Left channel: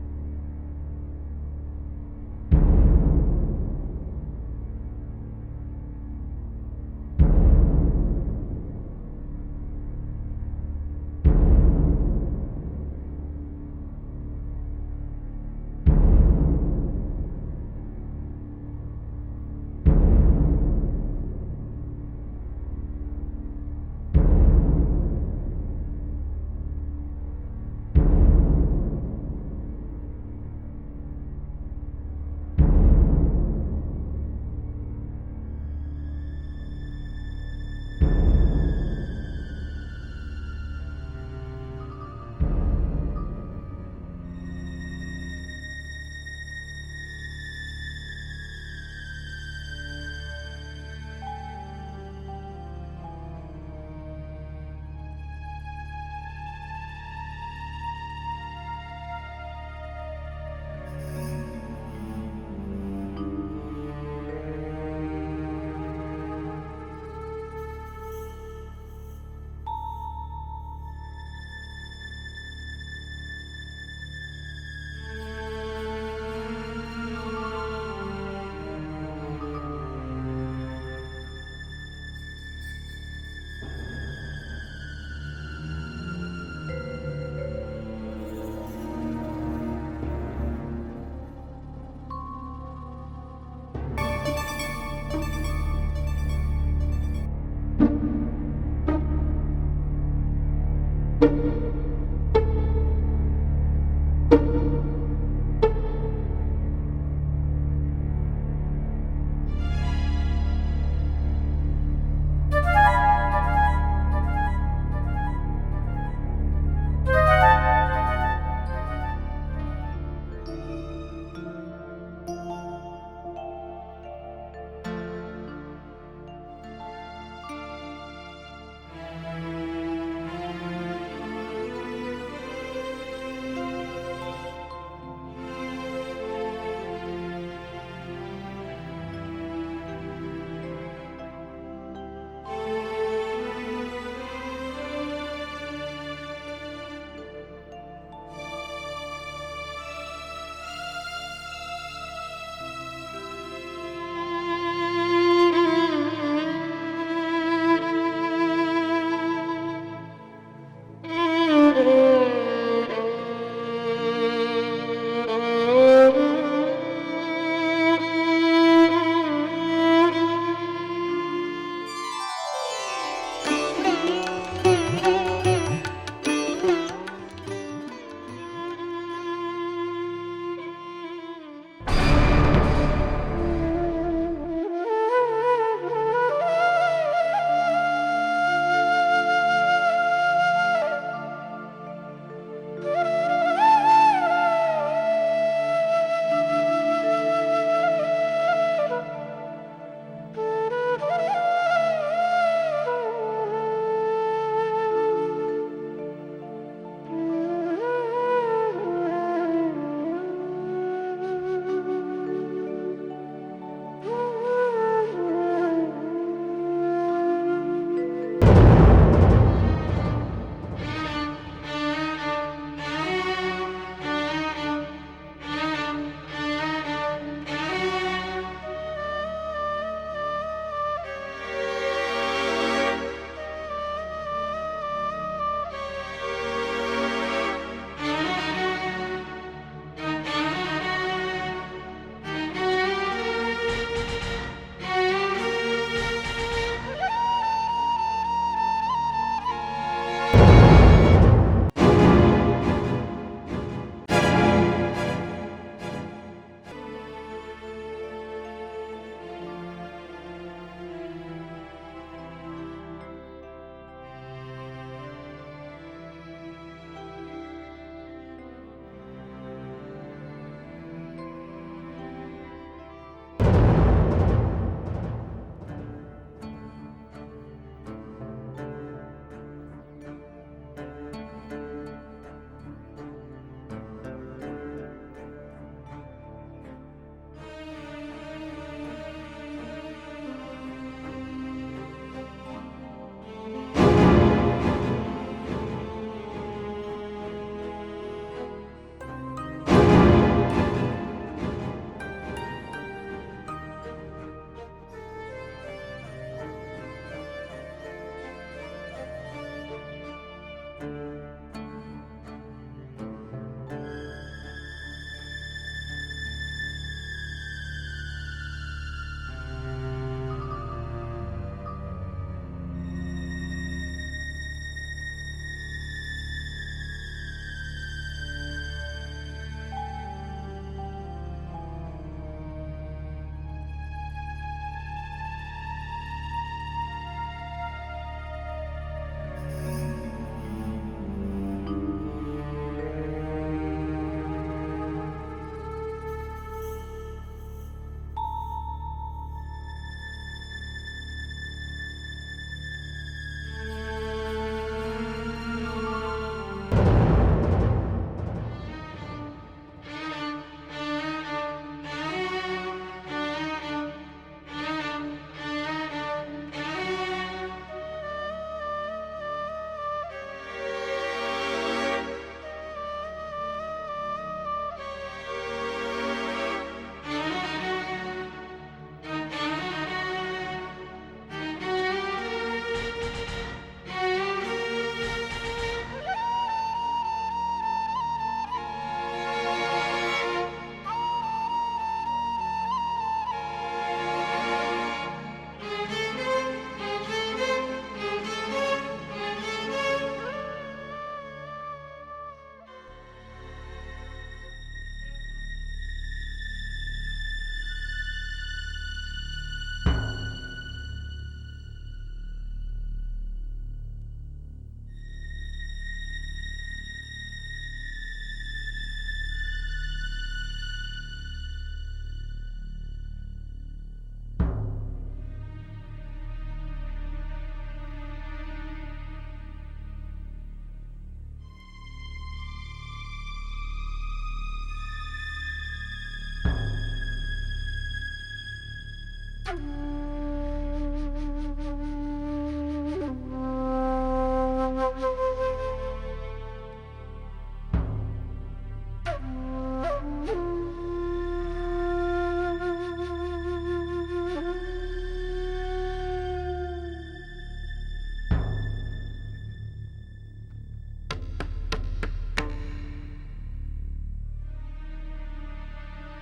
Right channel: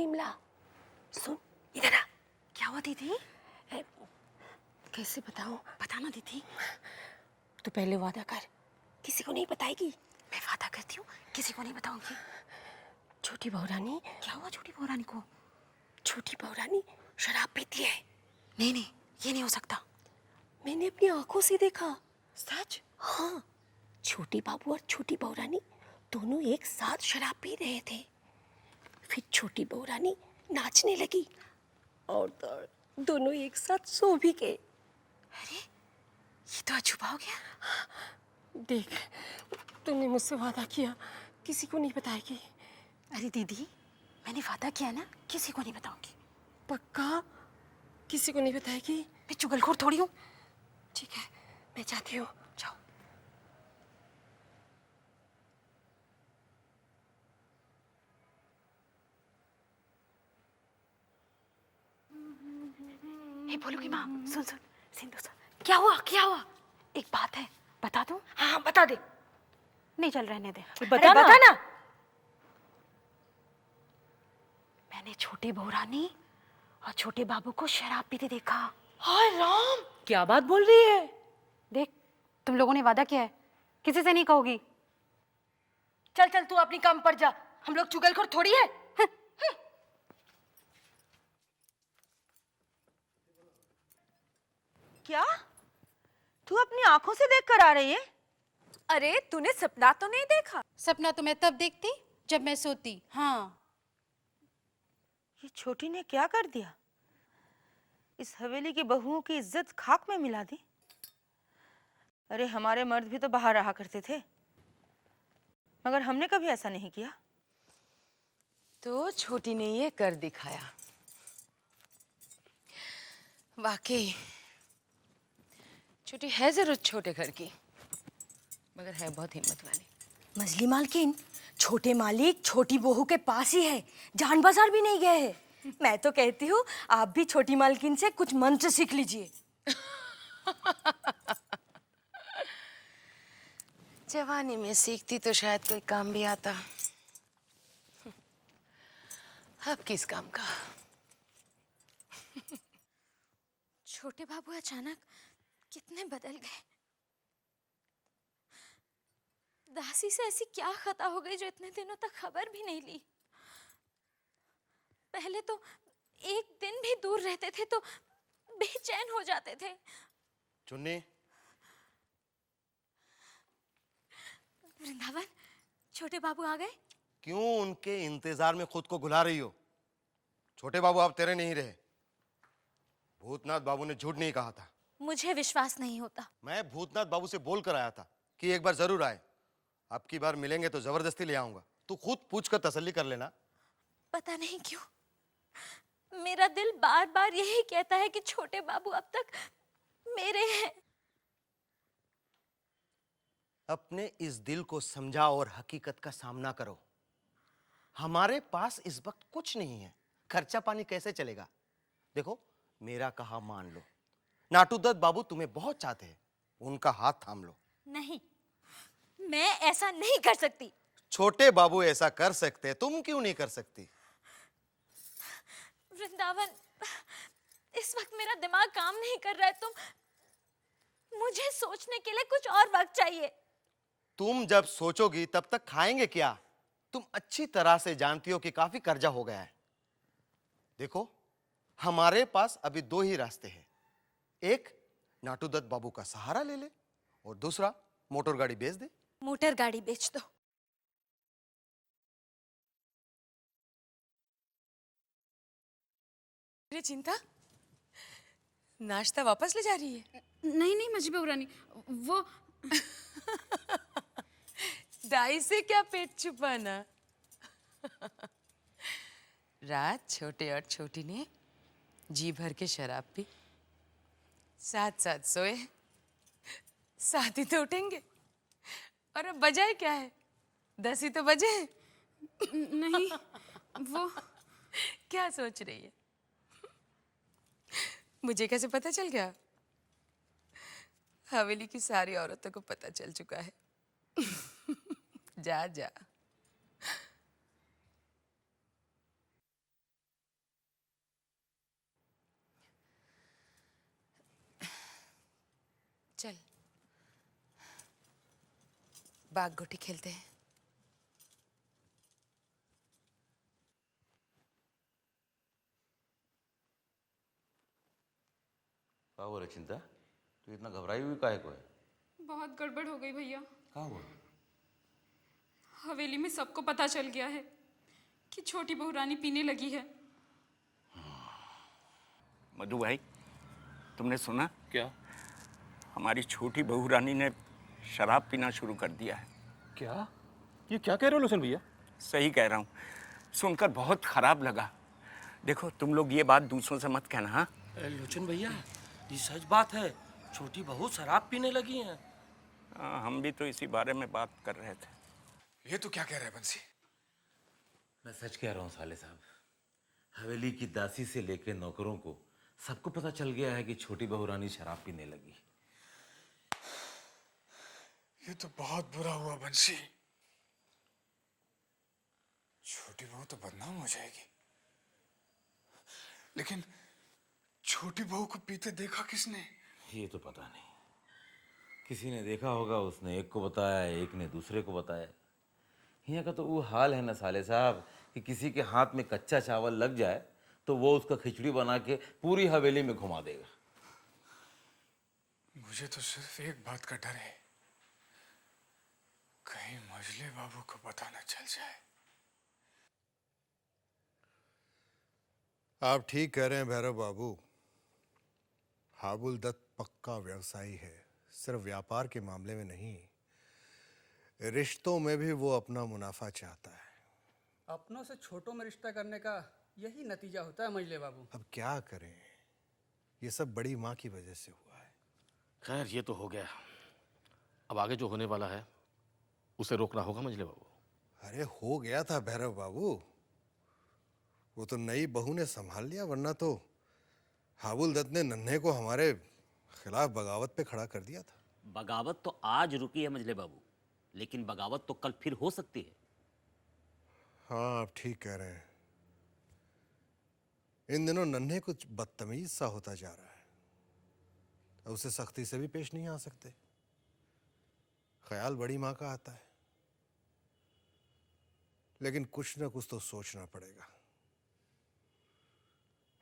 विमला, सुन इधर आ। क्या हुआ दीदी? कैसे बताऊं? बता ना दीदी। तू पहले वादा कर, किसी को नहीं बताएगी। मैं वादा करती हूँ, किसी को नहीं बताऊंगी। छोटी बहू रानी, क्या हुआ छोटी बहू रानी को? छोटी बहू रानी शराब पीती है। नहीं नहीं, ये नहीं हो सकता। मैंने अपनी आंखों से देखा। सच? हाँ, छोटी बाबू और छोटी बहू रानी दोनों एक साथ शराब पी रहे थे। फिर छोटी बहू रानी नाचने लगी और दोनों एक साथ सो भी गए। अरे ये तो अछूबा हो गया। देख, तूने मुझसे वादा किया किसी को नहीं बताएगी। अरे दीदी, मैंने वादा किया ना, किसी को नहीं बताऊंगी। पक्का? किसी को नहीं बताएगी? मैं चुगलखोर थोड़ी हूँ। ठीक है, मैं जाती हूँ। जाओ। ये बोलूंगी माँ, सुन सुन, सीधे सुन। क्या हुआ? क्या हुआ? एक बात है, बता दो? हाँ बता दे। नहीं चल, रहने दे। बता ना। मैंने छोटी बहू रानी और छोटे बाबू को शराब पीते देखा। हाय राम, क्या बात बोल रही है? देख, तुम लोगों ने वादा किया है, किसी से नहीं कहोगी। चल चल, तू अपनी काम पर जा, हम लोग चुगलखोर थोड़ी है। क्या? तू अपनी आंखों से देख कर आ रही है? अरे तूने सपना तो नहीं देखा? सपना तो मैं तब देखती जब मैं सोती। हाँ, ये छोटी ने क्या कर दिया? इस हवेली की बहुओं की इज्जत खाक में मिला दी। अरे हमारे मर्द भी तो बाहर रहा करते थे, मगर हमने कभी ऐसा नहीं किया। तो छोटी ने ये कर दिखाया। वाकई छोटी है जरूर छोटे घर की, मगर है बहुत हिम्मत। मछली मालकिन, छोटे मालिक छोटी बहू के पास ही है, जान बाजार भी नहीं गए हैं। मैं तो कहती हूँ आप भी छोटी मालकिन से कुछ मंत्र सीख लीजिए। जवानी में सीखती तो शायद कोई काम भी आता। अब किस काम का? राशि से ऐसी क्या खता हो गई? में खुद को भुला रही हो। छोटे बाबू अब तेरे नहीं रहे। भूतनाथ बाबू ने झूठ नहीं कहा। मुझे विश्वास नहीं होगा। मैं भूतनाथ बाबू से बोल कर आया था कि एक बार जरूर आए। अब की बार मिलेंगे तो जबरदस्ती ले आऊंगा। तू खुद पूछ कर तसल्ली कर लेना। पता नहीं क्यों मेरा दिल बार-बार यही कहता है कि छोटे बाबू अब तक मेरे हैं। अपने इस दिल को समझाओ और हकीकत का सामना करो। हमारे पास इस पर कुछ नहीं है, खर्चा पानी कैसे चलेगा? देखो मेरा कहा मान। नाटूदत्त बाबू तुम्हें बहुत चाहते हैं, उनका हाथ थामो। नहीं, मैं ऐसा नहीं कर सकती। छोटे बाबू ऐसा कर सकते तो क्यों नहीं कर सकते? इस वक्त मेरा दिमाग काम नहीं कर रहा है, तो मुझे सोचने के लिए कुछ और वक्त चाहिए। तुम जब सोचोगी तब तक खाएंगे क्या? अच्छी तरह से जानती हो कि काफी कर्जा हो गया है। देखो, हमारे पास अभी दो ही रास्ते हैं। एक नाटूदत्त बाबू का सहारा लेना, दूसरा मोटर गाड़ी बेच दो। मोटर गाड़ी बेच दो। अरे जिंका, नाश्ता वापस ले जा रही है? नहीं नहीं मछली बहू रानी, वो दाई से क्या पेट छुपाना? रात छोटे और छोटी ने जी भर के शराब पी, साथ साथ सोए, साथ ही तो उठेंगे। और अब बजाए क्या है? 10 ही तो बजे। नहीं, वो क्या सोच रही है? मुझे कैसे पता चल गया? हवेली की सारी औरतों को पता चल चुका है। जा जा। खेलते हैं। बहुत गड़बड़ हो गई भैया। हवेली में सबको पता चल गया है कि छोटी बहू रानी पीने लगी है। मधु भाई, तुमने सुना? क्या? हमारी छोटी बहू रानी ने शराब पीना शुरू कर दिया है। क्या? ये क्या कह रहे हो लोचन भैया? सही कह रहा हूँ, सुनकर बहुत खराब लगा। देखो, तुम लोग ये बात दूसरों से मत कहना। हाँ, लोचन भैया, ये सच बात है। छोटी बहू शराब पीने लगी है। हम भी तो इसी बारे में बात कर रहे थे। ये तो क्या कह रहे हैं मुंशी? मैं सच कह रहा हूँ साले साहब। हवेली की दासी से लेकर नौकरों को सबको पता चल गया है कि छोटी बहू रानी शराब पीने लगी है। ये तो बहुत बुरा हुआ मुंशी। छोटी बहू तो बदनाम हो जाएगी। लेकिन छोटी बहू को पीते देखा किसने? किसी ने देखा होगा, उसने एक को बताया, एक ने दूसरे को बताया। दुनिया का तो वो हाल है ना साले साहब कि किसी के हाथ में कच्चा चावल लग गया तो वो उसका खिचड़ी बना के पूरी हवेली में घुमा दे। मुझे तो सिर्फ एक बात का डर है। को पता न चल जाए। आप ठीक कह रहे हैं भैरव बाबू। हाबुल दत्त पक्का व्यवसायी है, सिर्फ व्यापार के मामले में नहीं, रिश्तों में भी वो अपना मुनाफा चाहता है। अपनों से छोटों में रिश्ता करने का यही नतीजा होता है मंजले बाबू। अब क्या करें, ये सब बड़ी माँ की वजह से हुआ है। खैर, ये तो हो गया। अब आगे जो होने वाला है उसे रोकना होगा मंजले बाबू। अरे हो गया था भैरव बाबू, वो तो नई बहू ने संभाल लिया, वरना तो हाबुल दत्त ने नन्हे को हमारे खिलाफ बगावत पे खड़ा कर दिया था। बगावत तो आज रुकी है मंजले बाबू, लेकिन बगावत तो कल फिर हो सकती है। हाँ, आप ठीक कह रहे हैं। इन दिनों नन्हे कुछ बदतमीज सा होता जा रहा है, तो उसे सख्ती से भी पेश नहीं आ सकते। ख्याल बड़ी माँ का आता है, लेकिन कुछ न कुछ तो सोचना पड़ेगा।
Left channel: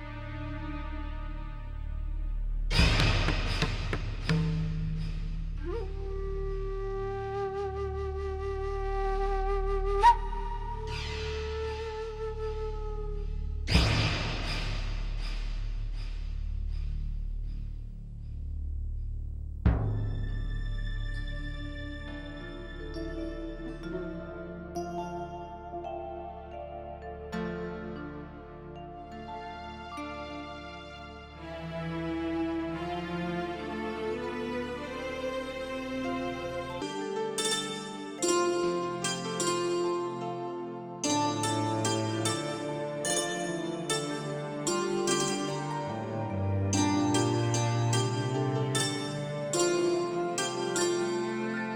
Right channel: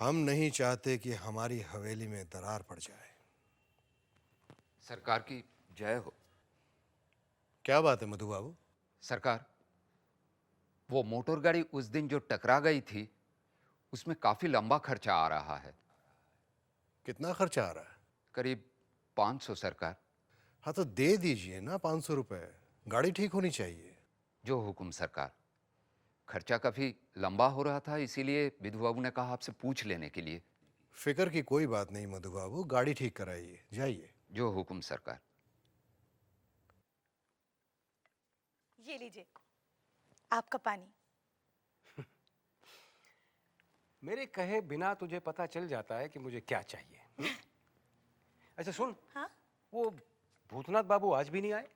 हम नहीं चाहते कि हमारी हवेली में दरार पड़े। सरकार की जय हो। क्या बात है मधु बाबू? सरकार, वो मोटर गाड़ी उस दिन जो टकरा गई थी, उसमें काफी लंबा खर्चा आ रहा है। कितना खर्चा आ रहा है? करीब 500 सरकार। हाँ तो दे दीजिए ना 500 रुपए, गाड़ी ठीक होनी चाहिए। जो हुकुम सरकार। खर्चा काफी लंबा हो रहा था, इसीलिए विधु बाबू ने कहा आपसे पूछ लेने के लिए। फिक्र की कोई बात नहीं मधु बाबू, गाड़ी ठीक कराइए। जाइए। जो हुकुम सरकार। आपका पानी। मेरे कहे बिना तुम्हें पता चल जाता है कि तुम्हें क्या चाहिए। अच्छा सुन, सुमन बाबू आज भी नहीं आए?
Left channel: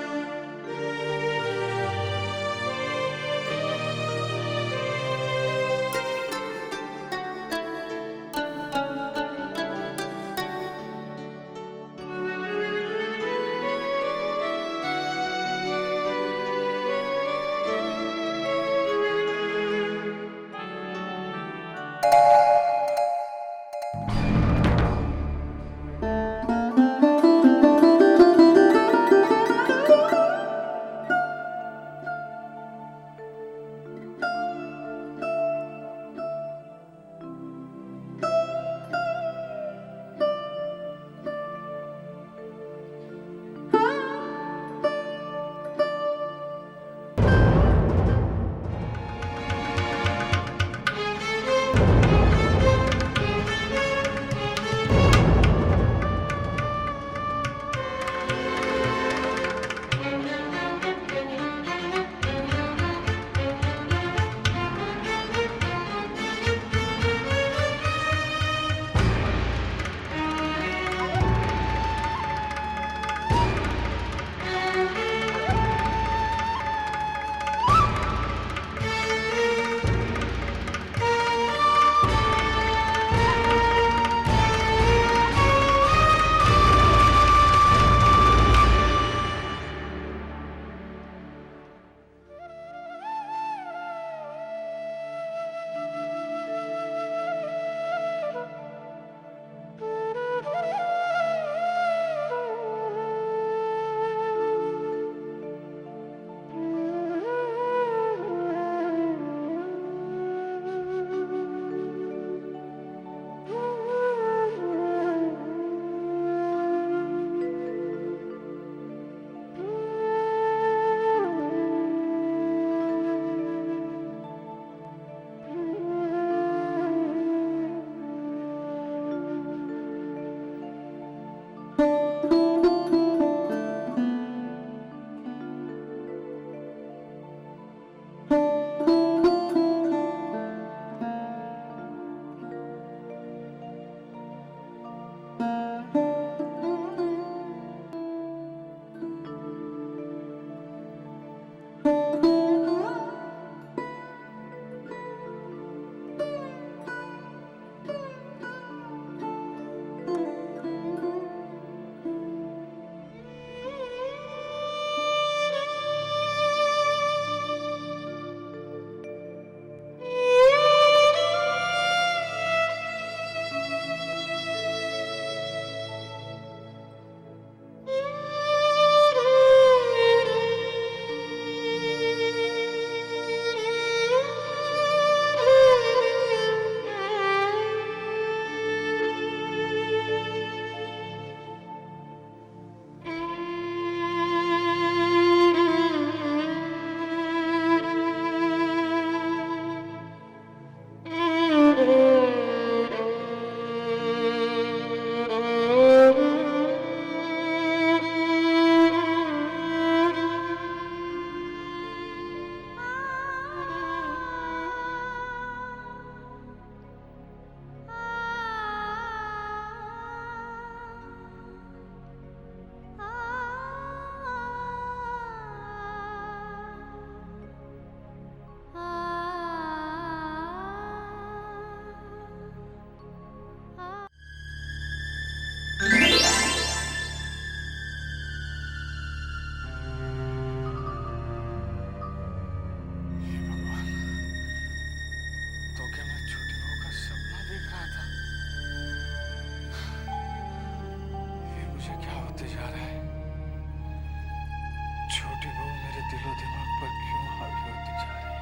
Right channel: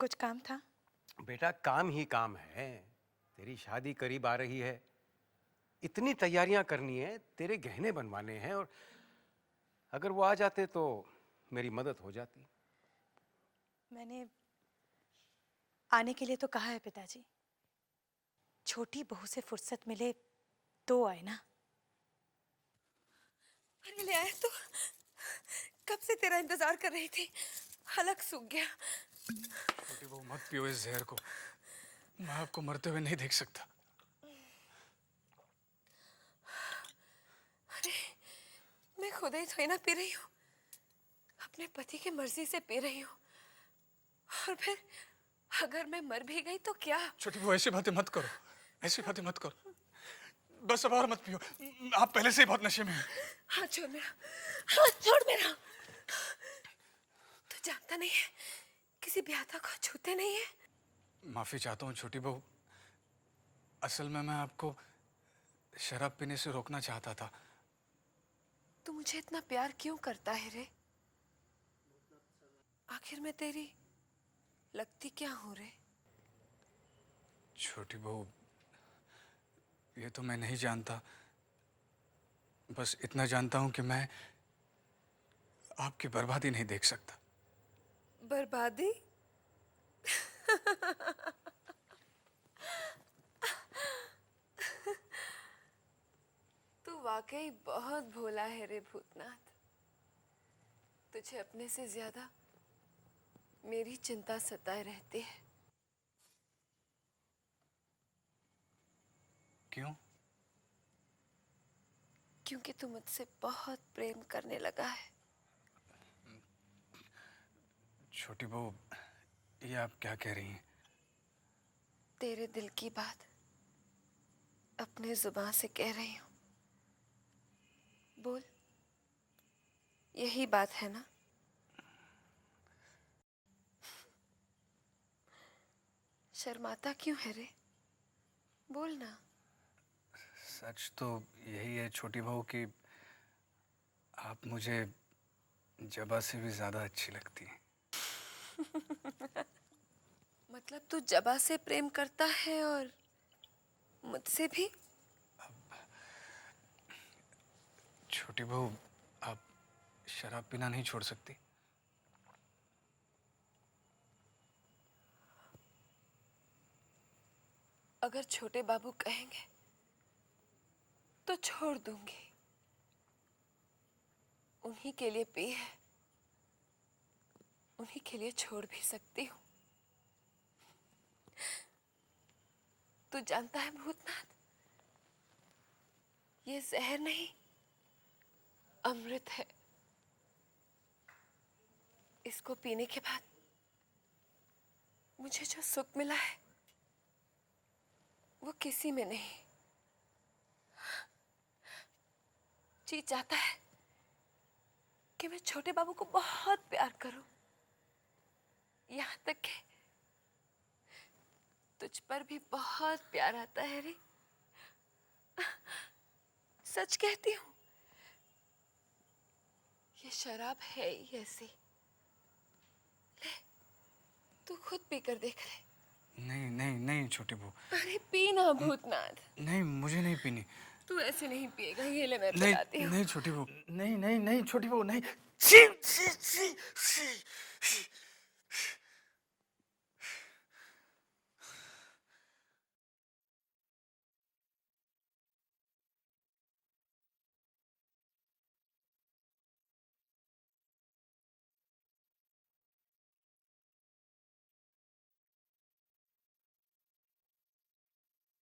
कुछ काम था? मेरा काम ही काम है। शादी करीब आ रही है, इतनी तैयारियां करनी है, तेरे गहने बनवाने हैं। अगर वो आ जाते तो मेरी मदद हो जाती। आने के लिए तो कहा है भैया जी। छोटी बहू से फुर्सत मिले तो आना। कब से तेरा इंतजार कर रही थी। मैं आपको मरते हुए नहीं देख सकता। जबा से प्रेम करता है और मुझसे भी। छोटी बहू, आप शराब पीना नहीं छोड़ सकती। अगर छोटे बाबू कहेंगे तो छोड़ दूंगी। उन्हीं के लिए पी है, उन्हीं के लिए छोड़ भी सकती हूँ। तो जानता है ये जहर नहीं, अमृत है। इसको पीने के बाद मुझे जो सुख मिला है वो किसी ने नहीं। जी चाहता है कि मैं छोटे बाबू को बहुत प्यार करूं, यहाँ तक कि तुझ पर भी बहुत प्यार आता है। सच कहती हूँ, ये शराब है ही ऐसी। तू खुद पीकर देख ले। नहीं नहीं नहीं छोटी बहू, अरे पीना भूतनाथ। नहीं मुझे नहीं पीनी। तू ऐसे नहीं पिएगा, ये ले मैं नहीं पिलाती हूँ। नहीं छोटी बहू, नहीं नहीं नहीं छोटी बहू, नहीं। हे भगवान, तो क्या मैं छोटी बहू का सपना देख रहा था? ये मुझे क्या होते जा रहा है? छोटी बहू मेरे दिलो दिमाग पर क्यों हावी होती जा रही है?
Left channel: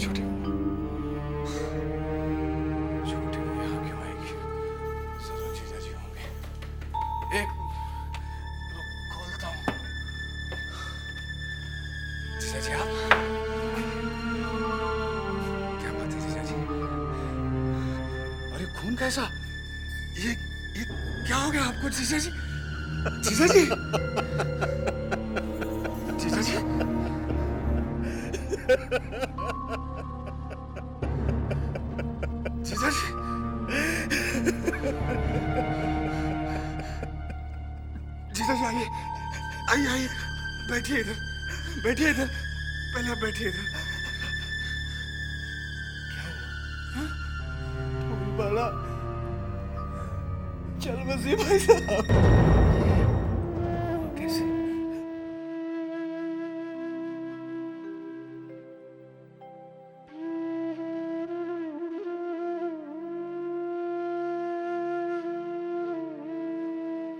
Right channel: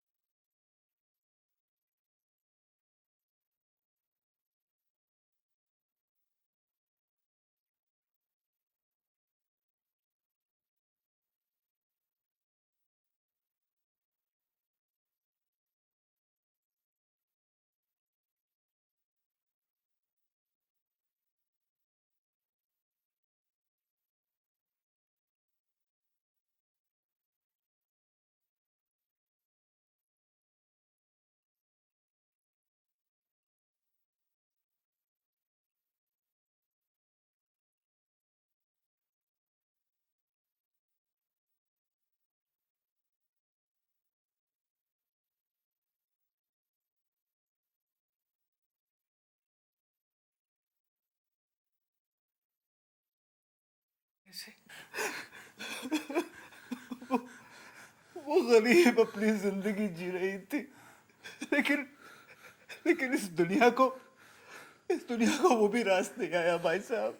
छोटी बहू, छोटी बहू यहाँ क्यों आएगी? जरूर जीजा जी होंगे। एक रुक, खोलता हूँ। जीजा जी आप? क्या बात है जीजा जी? अरे खून कैसा? ये क्या हो गया आपको जीजा जी? जीजा जी? जीजा जी? जीजा जी? जीजा जी आइए, आइए आइए, बैठिए इधर, बैठिए इधर, पहले आप बैठिए इधर। क्या हुआ? बाला, चल मसीह भाई साहब। कैसे? वो गरीब अपनी जिंदगी जी रही थी, लेकिन इस दुनिया को वो भी रास नहीं आया भाई साहब।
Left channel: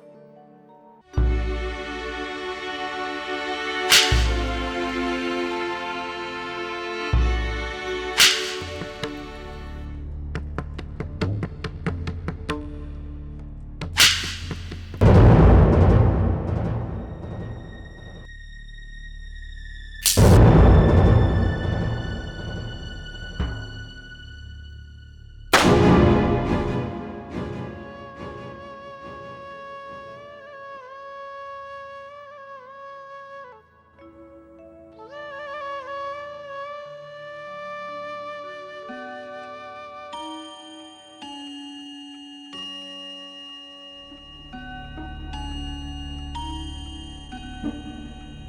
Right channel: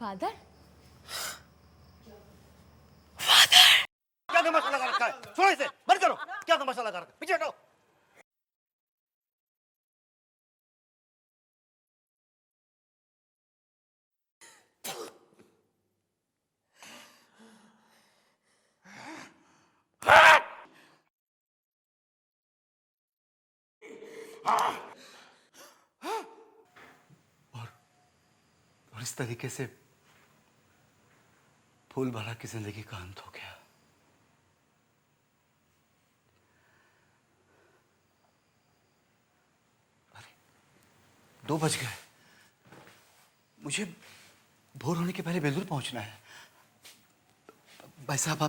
फादर, इस तरीके से फूलबाला की जिंदगी का अंत हो गया। 2 बज गए। मुझे भोर होने के पहले बेलूर पहुंचना है। भाई साहब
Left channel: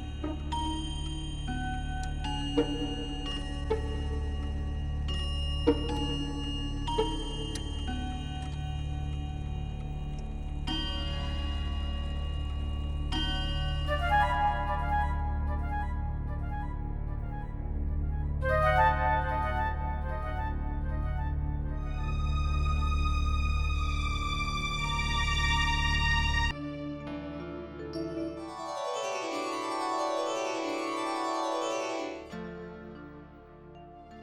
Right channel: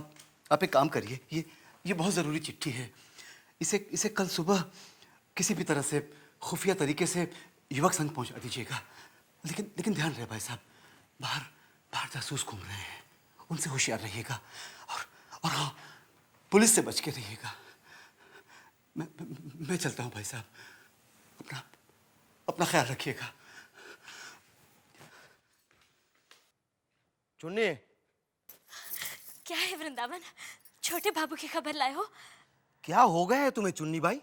आप एक काम करिए, ये बहुत जरूरी चिट्ठी है। इसे कल सुबह किसी भी तरह से खुफिया तरीके से युवक संघ पहुंचा दीजिएगा। लेकिन ध्यान रहे भाई साहब, बाहर जासूस घूम रहे हैं, उनसे होशियार रहिएगा और हाँ, पुलिस से बच के रहिएगा। मैं चलता हूँ भाई साहब, अपना ख्याल रखिएगा। चुन्नी, क्या है वृंदावन? छोटे बाबू की खबर लाए हो? क्या हो गया है तुम्हें चुन्नी भाई?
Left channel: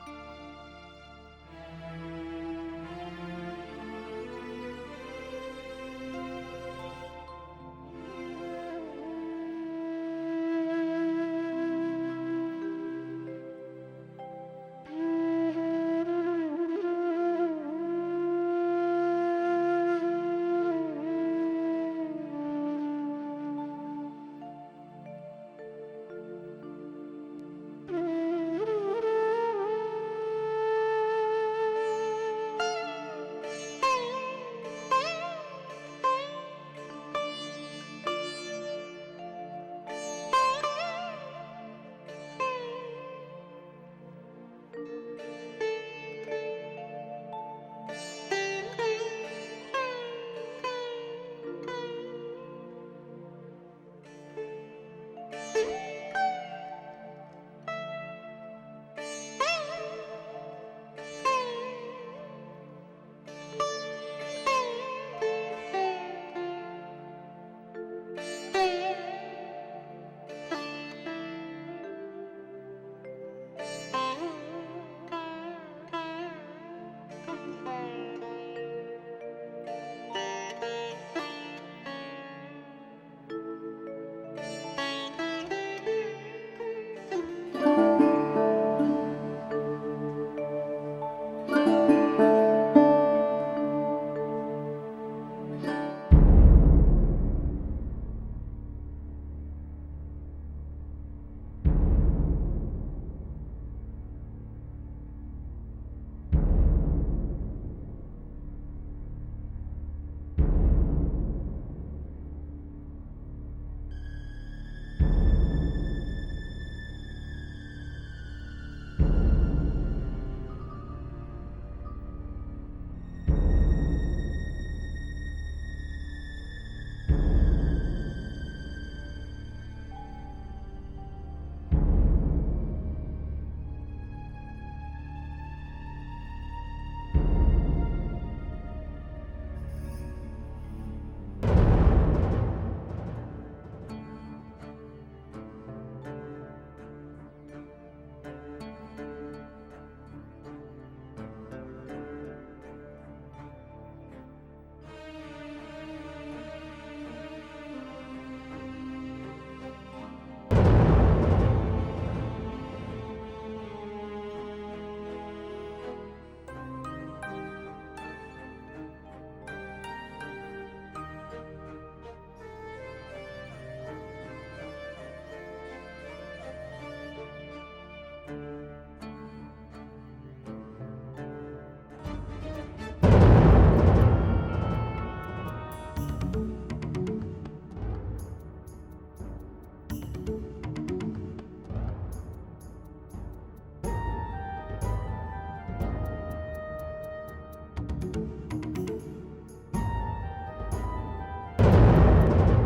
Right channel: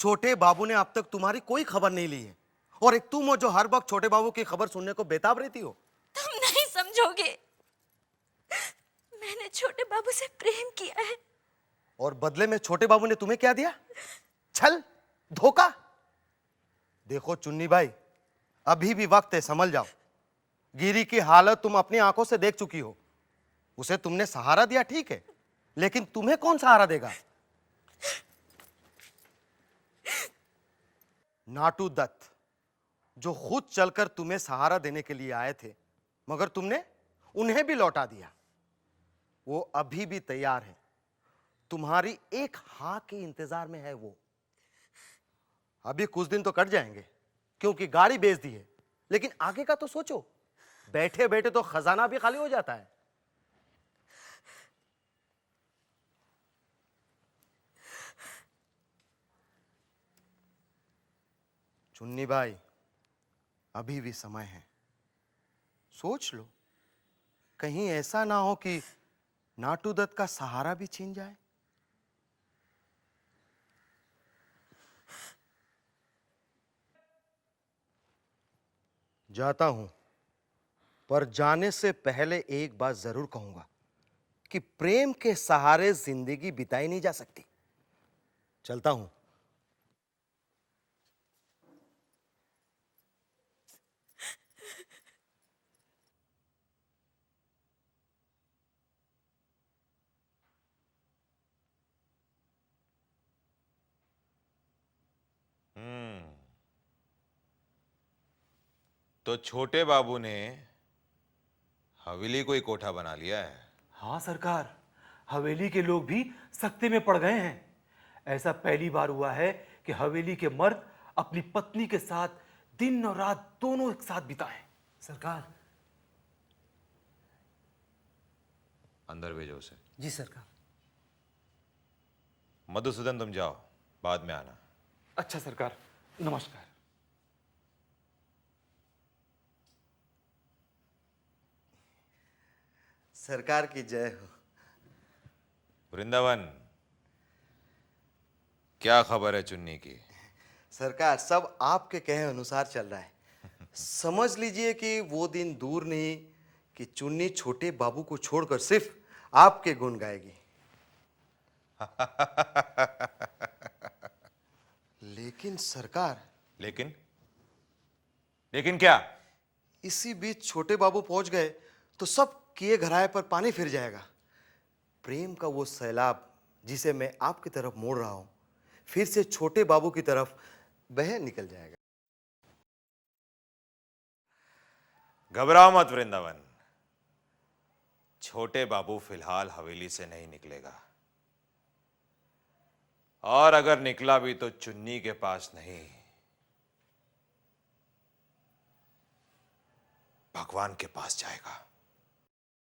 छोटे बाबू ने अब तक तुम्हारी कोई खबर नहीं ली और एक तुम हो जो हर वक्त छोटे बाबू की खबर सुनने को बेताब रहती हो। तुम नहीं समझोगे, मैंने छोटे बाबू से प्रेम किया है। और बदले में छोटे बाबू ने तुम्हें क्या दिया? छल, धोखा। देखो चुन्नी भाई, अभी भी वक्त है, संभल जाओ। गिरी की हालत तुम अपनी आंखों से देख चुकी हो। उसे तुमने सहारा दिया ठीक है, लेकिन तुम्हें कौन सहारा देगा? नाटू दत्त जो खुद चलकर तुम्हें सहारा देने के लिए आए थे, मगर तुमने उन्हें भी लौटा दिया। वो अभी भी तैयार है, तुम्हारी एक हाँ के इंतजार में है वो। अभी कुछ दिन तो कट जाएंगे क्योंकि गाड़ी बेच दी है, लेकिन आगे का तो सोचो। बैठे बैठे तो खजाना भी खाली हो जाता है। चुन्नी भाई, अभी भी समय है, सोच लो। कहीं ऐसा ना हो कि नाटू दत्त का सहारा भी छीन जाए। जाता हूं, पर जाने से पहले एक बात जरूर कहूंगा कि प्रेम के सहारे जिंदगी बिताई नहीं जा सकती। चलता हूं। तो छोटे बाबू ने हवेली को ही कोठा बना लिया है। हाँ सरकार, हवेली के लोग भी सख्ते में पड़ गए हैं। ऐसा पहली बार हुआ है कि हवेली के मर्द अपनी पत्नी के साथ दिन और रात दोनों एक साथ बिताएं। सरकार। अंदर भेजो उसे। जी सरकार। मधुसूदन तुम जाओ, बाद में आना। अच्छा सरकार, नमस्कार। सरकार की जय हो। वृंदावन, क्या खबर है चुन्नी की? सरकार, सब आपके कहे अनुसार चल रहा है। समझ लीजिए कि वो दिन दूर नहीं कि चुन्नी छोटे बाबू को छोड़कर सिर्फ आपके गुण गाएगी। लेकिन सरकार। लेकिन क्या? इसी बीच छोटे बाबू पहुंच गए तो सब किए घराए पर पानी फिर जाएगा। प्रेम का वो सैलाब जिसे मैं आपकी तरफ मोड़ रहा हूं, फिर से छोटे बाबू की तरफ बह निकल जाएगा। घबराओ मत वृंदावन, छोटे बाबू फिलहाल हवेली से नहीं निकलेगा, और अगर निकला भी तो चुन्नी के पास नहीं है, भगवान के पास जाएगा।